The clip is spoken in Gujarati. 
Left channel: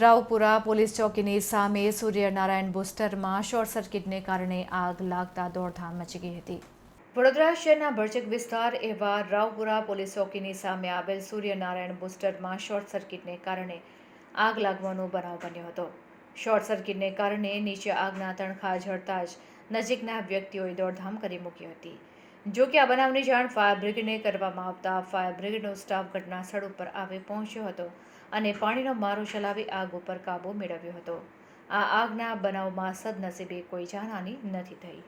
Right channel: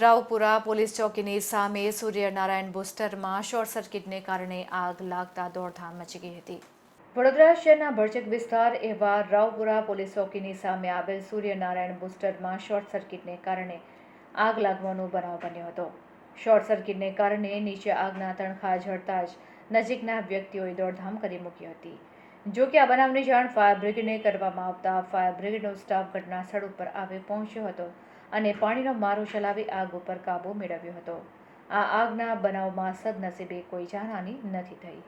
રાવપુરા પોલીસ ચોકીની સામે સૂર્યનારાયણ બુસ્ટરમાં શોર્ટ સર્કિટને કારણે આગ લાગતા દોડધામ મચી ગઈ હતી. વડોદરા શહેરના ભરચક વિસ્તાર એવા રાવપુરા પોલીસ ચોકીની સામે આવેલ સૂર્યનારાયણ બુસ્ટરમાં શોર્ટ સર્કિટને કારણે આગ લાગવાનો બનાવ બન્યો હતો. શોર્ટ સર્કિટને કારણે નીચે આગના તણખા ઝડતા જ નજીકના વ્યક્તિઓએ દોડધામ કરી મૂકી હતી. જો કે આ બનાવની જાણ ફાયર બ્રિગેડને કરવામાં આવતા ફાયર બ્રિગેડનો સ્ટાફ ઘટના સ્થળ ઉપર આવી પહોંચ્યો હતો અને પાણીનો મારો ચલાવી આગ ઉપર કાબૂ મેળવ્યો હતો. આ આગના બનાવમાં સદનસીબે કોઈ જાનહાની નથી થઈ.